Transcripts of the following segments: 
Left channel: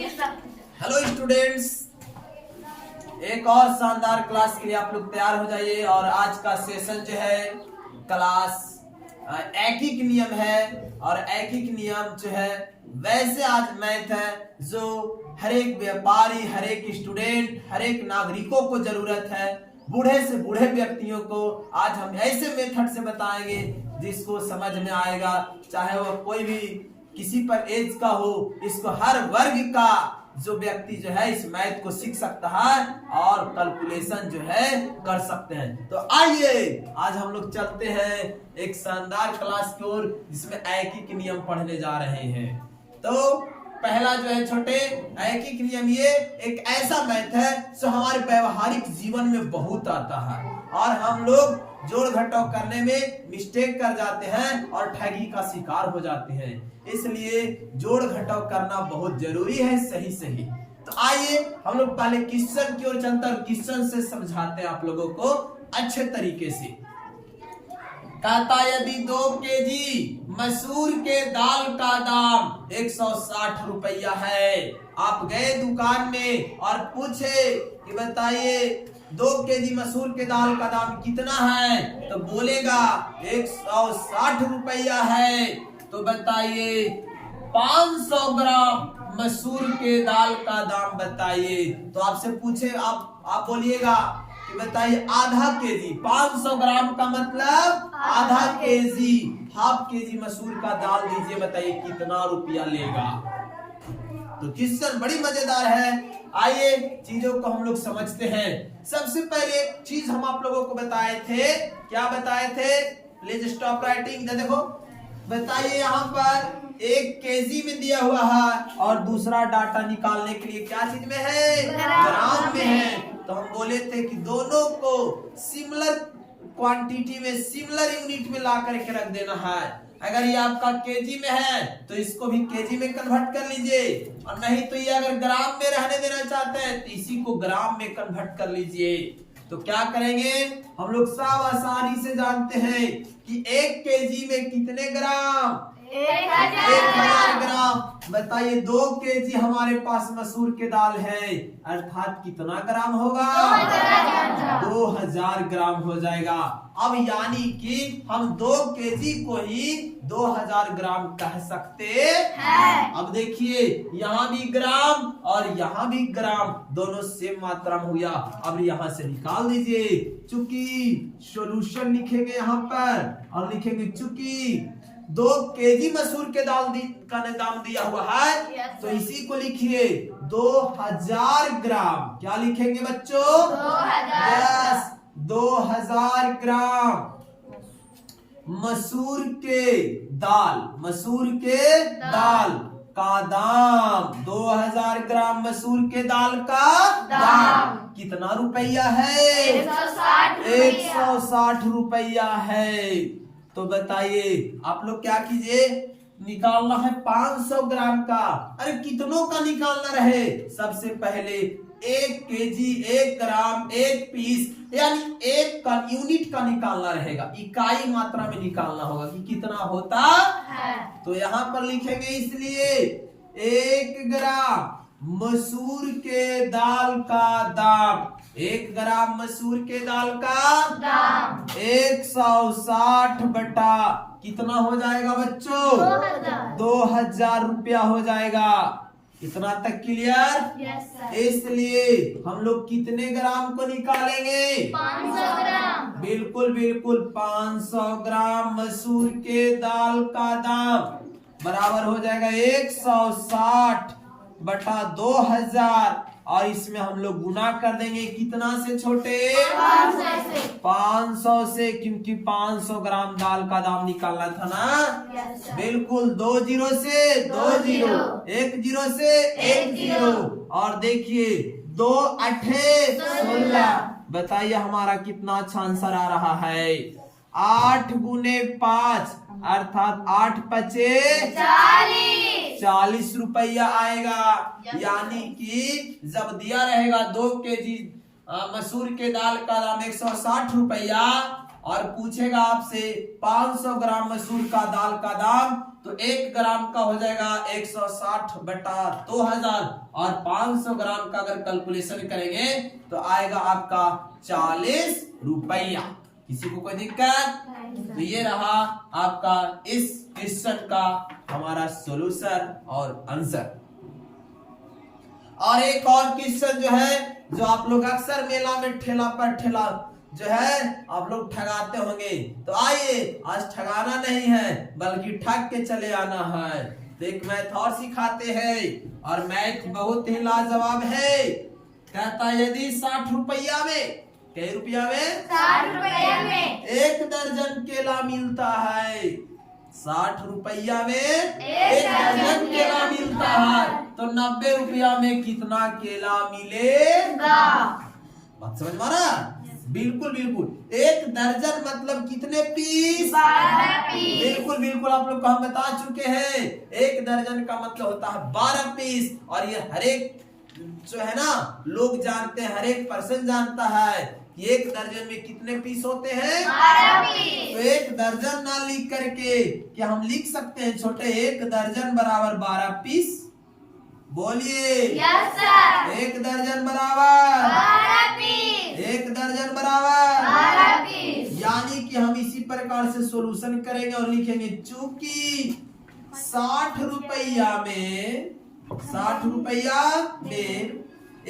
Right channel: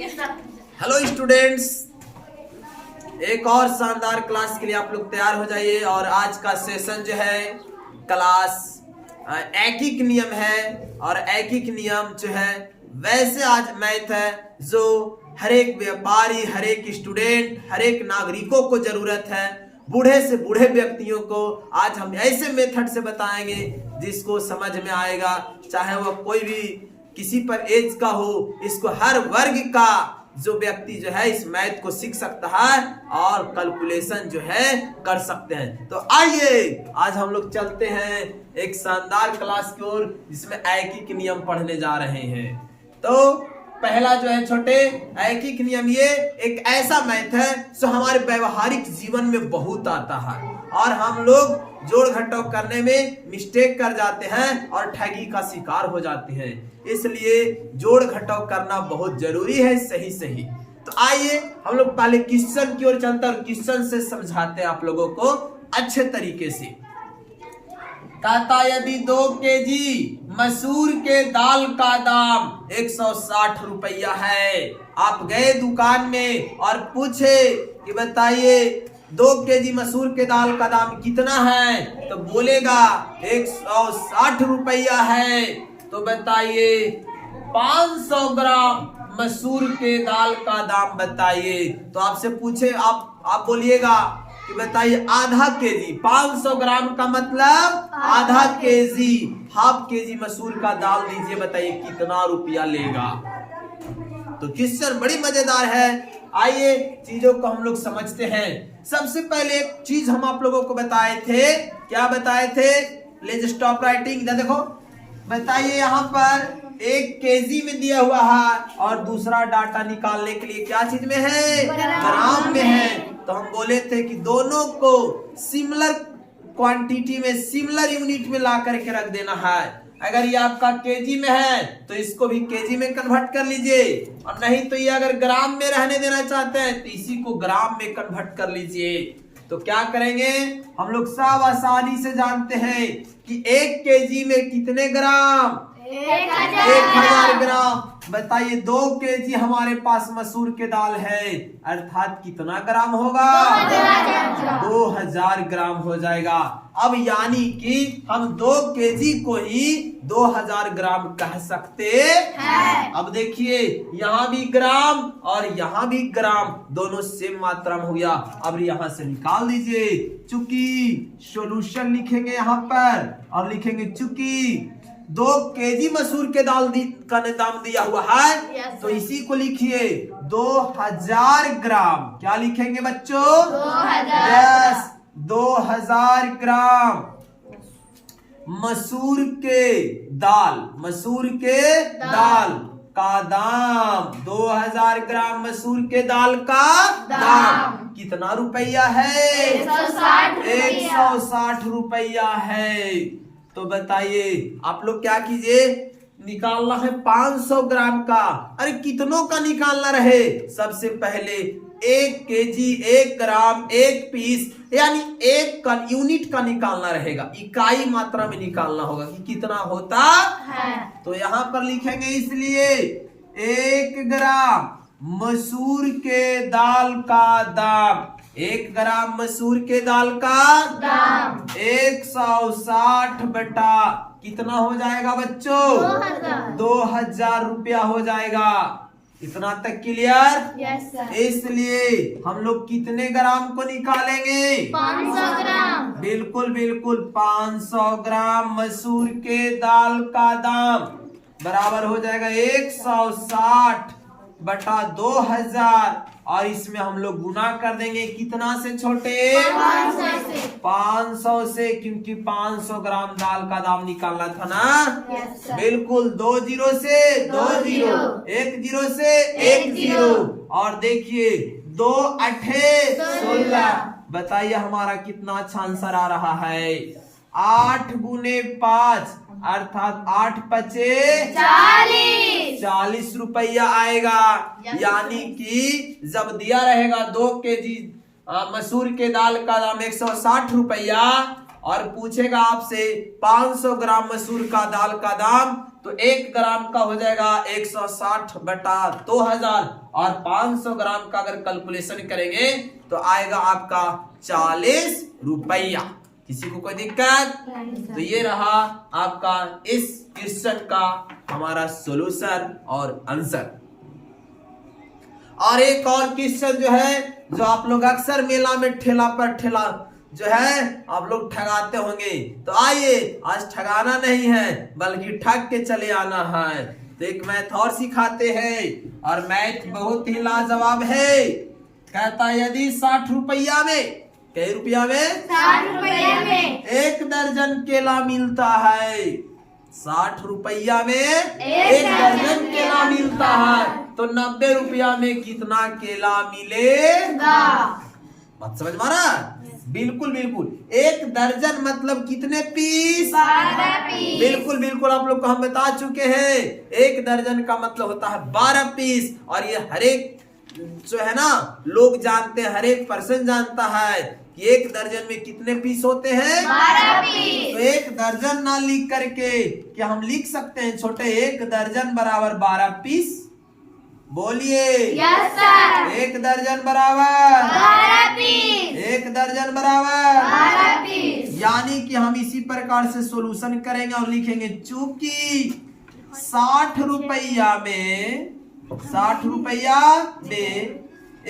Hello students, एक और शानदार क्लास के लिए आप लोग तैयार हो जाइए। और आज का सेशन जो है क्लास ऐकिक नियम है। और ऐकिक नियम जो है वैसे आज मैथ है जो हर एक व्यापारी, हर एक स्टूडेंट, हर एक नागरिकों को जरूरत है। बूढ़े से बूढ़े व्यक्तियों को आज हम ऐसे मेथड से बताएंगे जिसको समझ में आएगा, चाहे वो कोई भी किसी पर एज का हो। इसको हर वर्ग का जो व्यक्ति जो है इस मैथ को सीख सकता है और कैलकुलेशन जो है कर सकते हैं। तो आइए आज हम लोग चलते हैं एक शानदार क्लास की ओर जिसमें ऐकिक नियम पढ़ने जा रहे हैं। तो पहला जो है छोटे ऐकिक नियम, ये एक ऐसा मैथ है जो हमारे व्यवहारिक जीवन में बहुत आता है और हम लोग जोड़ घटाव करने में मिस्टेक कर जाते हैं और ठगी का शिकार हो जाते हैं। इसलिए जोड़ घटाव करना बहुत जरूरी है, सही सही। तो आइए हम लोग पहले क्वेश्चन की ओर चलते हैं और क्वेश्चन से समझाते हैं आप लोगों को अच्छे तरीके से। कहता यदि 2 केजी मसूर के दाल का दाम 160 रुपया है, आप गए दुकान में और पूछे कि बताइए 2 केजी मसूर के दाल का दाम कितना है, तो बोलेगा 160 रुपया है। तो बताइए 500 ग्राम मसूर के दाल का दाम बताइए। तो आपसे पूछे, आप बोलिएगा कि बताइए आधा केजी, 500 ग्राम का मतलब आधा केजी, हाफ केजी मसूर का दाल दीजिए, बताइए कितना रुपया लेगा। तो क्वेश्चन बड़ी मजेदार है। आइए चीजों को हम लोग समझते हैं। सबसे पहले एक चीज हम आप लोगों को बताए थे, क्या बताए थे? Let's stop writing. देखो बताइए यहाँ पर 1 केजी में दिया हुआ है और दूसरा डाटा निकालने के लिए क्या चीज में है? ग्राम में है। तो हम बोले थे कि दोनों को सिमिलर क्वांटिटी में, सिमिलर यूनिट में ला करके रख देना है। अगर ये आपका केजी में है तो इसको भी केजी में कन्वर्ट कर लीजिए, और नहीं तो ये अगर ग्राम में रहने देना चाहते हैं तो इसी को ग्राम में कन्वर्ट कर लीजिए। तो क्या करेंगे हम लोग सब आसानी से जानते हैं कि 1 केजी में कितने ग्राम? 1000 ग्राम। बताइए 2 केजी हमारे पास मसूर के दाल है, अर्थात कितना ग्राम होगा? 2000 ग्राम हो जाएगा। अब यानी कि हम 2 केजी को ही 2000 ग्राम कह सकते हैं। अब देखिए यहाँ भी ग्राम और यहाँ भी ग्राम, दोनों सेम मात्रा में हो गया। अब यहाँ से निकाल दीजिए। चूंकि सॉल्यूशन लिखेंगे यहाँ पर और लिखेंगे चूंकि 2 केजी मसूर के दाल का दाम दिया हुआ है, तो इसी को लिखिए 2000 ग्राम। क्या लिखेंगे बच्चों? 2000। 2000 ग्राम मसूर के दाल, मसूर के दाल का दाम, 2000 ग्राम मसूर के दाल का दाम कितना रुपया है? 160 रुपया है। तो बताइए आप लोग क्या कीजिए, निकालना है 500 ग्राम का। अरे कितनों का निकालना रहे? सबसे पहले 1 केजी, 1 ग्राम, 1 पीस, यानी 1 का यूनिट का निकालना रहेगा, इकाई मात्रा में निकालना होगा कि कितना होता है। तो यहाँ पर लिखेंगे इसलिए 1 ग्राम मसूर के दाल का दाम, 1 ग्राम मसूर के दाल का दाम 160 बटा कितना हो जाएगा बच्चों? 2000 रुपया हो जाएगा। इतना तक क्लियर? Yes sir. इसलिए हम लोग कितने ग्राम को निकालेंगे? 500 ग्राम। बिल्कुल बिल्कुल 500 ग्राम मसूर के दाल का दाम बराबर हो जाएगा 160 बटा 2000, और इसमें हम लोग गुना कर देंगे कितना से छोटे? 500 से, क्योंकि 500 ग्राम दाल का दाम निकालना था ना। बिल्कुल 2 जीरो से 2 जीरो, 1 जीरो से 1 जीरो, और देखिए 2 8 16। बताइए हमारा कितना अच्छा आंसर आ रहा है? 8 गुने 5 अर्थात 8 पचे 40 रुपया आएगा। यानी कि जब दिया रहेगा 2 केजी मसूर के दाल का दाम 160 रुपया और पूछेगा आपसे 500 ग्राम मसूर का दाल का दाम तो 1 ग्राम का हो जाएगा 160 बटा 2000 और 500 ग्राम का अगर कैलकुलेशन करेंगे तो आएगा आपका 40 रुपया। किसी को कोई दिक्कत? तो ये रहा आपका इस क्वेश्चन का हमारा सॉल्यूशन और आंसर। और एक और क्वेश्चन जो है जो आप लोग अक्सर मेला में ठेला पर ठेला जो है आप लोग ठगाते होंगे, तो आइए आज ठगाना नहीं है बल्कि ठग के चले आना है। तो एक मैथ और सिखाते हैं और मैथ बहुत ही लाजवाब है। कहता है यदि 60 रुपया में, कई रुपया में? 60 रुपये में 1 दर्जन केला मिलता है। 60 रुपया में 1 दर्जन केला मिलता है, तो 90 रुपया में कितना केला मिलेगा? बात समझ में आ रहा? बिल्कुल बिल्कुल। 1 दर्जन मतलब कितने पीस? 12 पीस। बिल्कुल बिल्कुल, आप लोग को हम बता चुके हैं 1 दर्जन का मतलब होता है 12 पीस। और ये हर एक जो है ना लोग जानते हैं, हर एक पर्सन जानता है कि 1 दर्जन में कितने पीस होते हैं? 12 पीस। तो 1 दर्जन ना लिख करके क्या हम लिख सकते हैं छोटे 1 दर्जन बराबर 12 पीस? बोलिए। Yes sir. 1 दर्जन बराबर 12 पीस। 1 दर्जन बराबर 12 पीस। यानी कि हम इसी प्रकार से सॉल्यूशन करेंगे और लिखेंगे चूंकि 60 रुपया में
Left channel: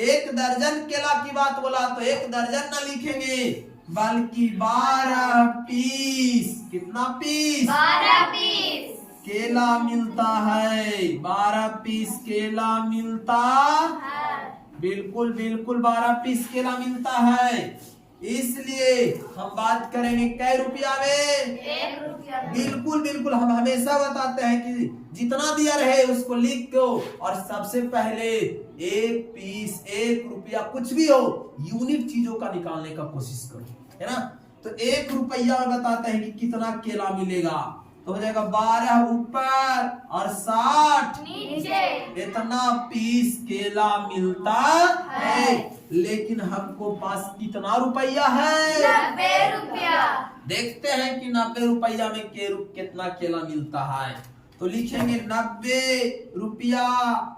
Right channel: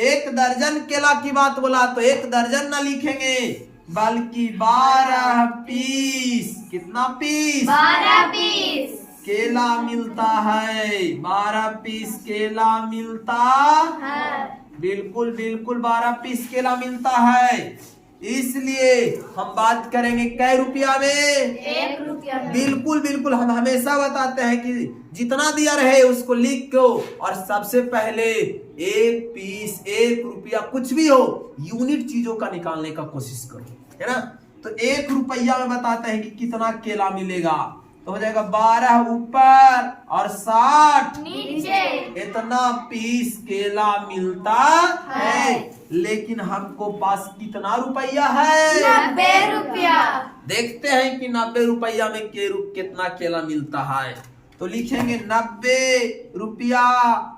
1 दर्जन केला की बात बोला तो 1 दर्जन ना लिखेंगे बल्कि 12 पीस। कितना पीस? 12 पीस केला मिलता है। 12 पीस केला मिलता है। बिल्कुल बिल्कुल 12 पीस केला मिलता है। इसलिए हम बात करेंगे कै रुपया में? 1 रुपया में। बिल्कुल बिल्कुल, हम हमेशा बताते हैं कि जितना दिया रहे उसको लिख दो और सबसे पहले 1 पीस 1 रुपया कुछ भी हो यूनिट चीजों का निकालने का कोशिश करो, है ना। तो 1 रुपया में बताते हैं कि कितना केला मिलेगा, तो हो जाएगा 12 ऊपर और 60 नीचे। इतना पीस केला मिलता है। लेकिन हमको पास कितना रुपया है? 90 रुपया। देखते हैं कि 90 रुपया में कितना केला मिलता है। तो लिखेंगे 90 रुपया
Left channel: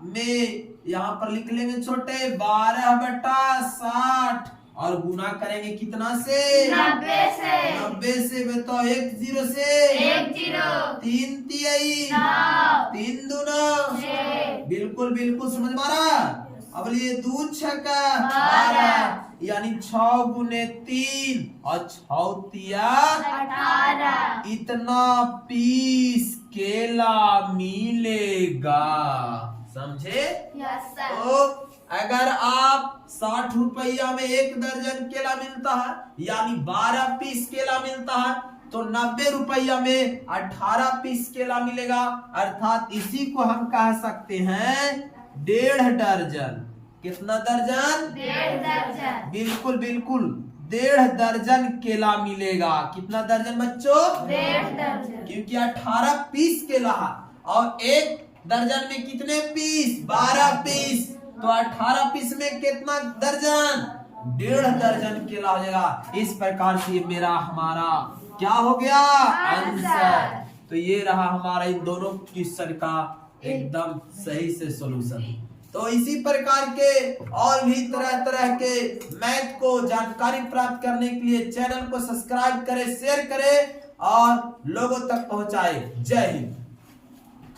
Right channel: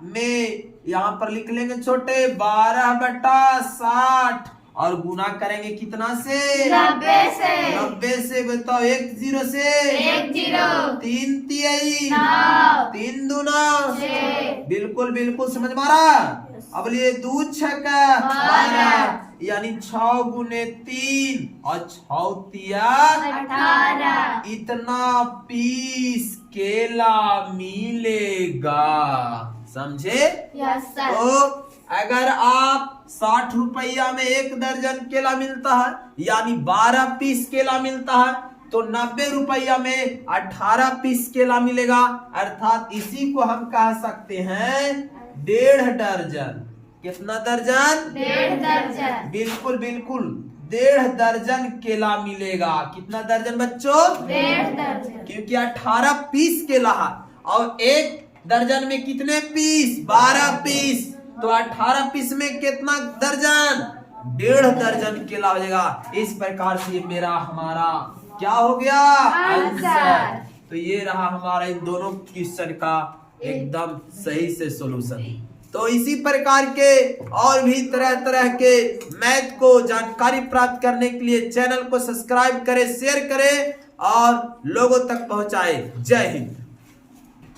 में, यहाँ पर लिख लेंगे छोटे 12 बटा 60 और गुना करेंगे कितना से? 90 से। 90 से बताओ 1 0 से 1 0। 3 तिहाई 9। 3 दूना 6। बिल्कुल बिल्कुल, समझ में आ रहा? अब लिए 2 छक्का 12 यानी 6 गुने 3 और 6 तिया 18। इतना पीस केला मिलेगा। समझे? Yes sir. तो अगर आप 60 रुपया में 1 दर्जन केला मिलता है यानी 12 पीस केला मिलता है, तो 90 रुपया में 18 पीस केला मिलेगा। अर्थात इसी को हम कह सकते हैं 1.5 दर्जन। कितना दर्जन? 1.5 दर्जन। बिल्कुल बिल्कुल, 1.5 दर्जन केला मिलेगा। कितना दर्जन बच्चों? 1.5 दर्जन। क्योंकि 18 पीस केला है और 1 दर्जन में कितने पीस? 12 पीस। तो 18 पीस में कितना दर्जन? 1.5 दर्जन केला हो जाएगा। इस प्रकार से ये मेरा हमारा क्या हो गया? आंसर। तो ये रहा हमारा इन दोनों क्वेश्चन का एकदम सही से सॉल्यूशन। तो इसी प्रकार के और भी तरह तरह के मैथ को जानकारी प्राप्त करने के लिए चैनल को सब्सक्राइब करें, शेयर करें और लोगों तक पहुंचाएं। जय हिंद।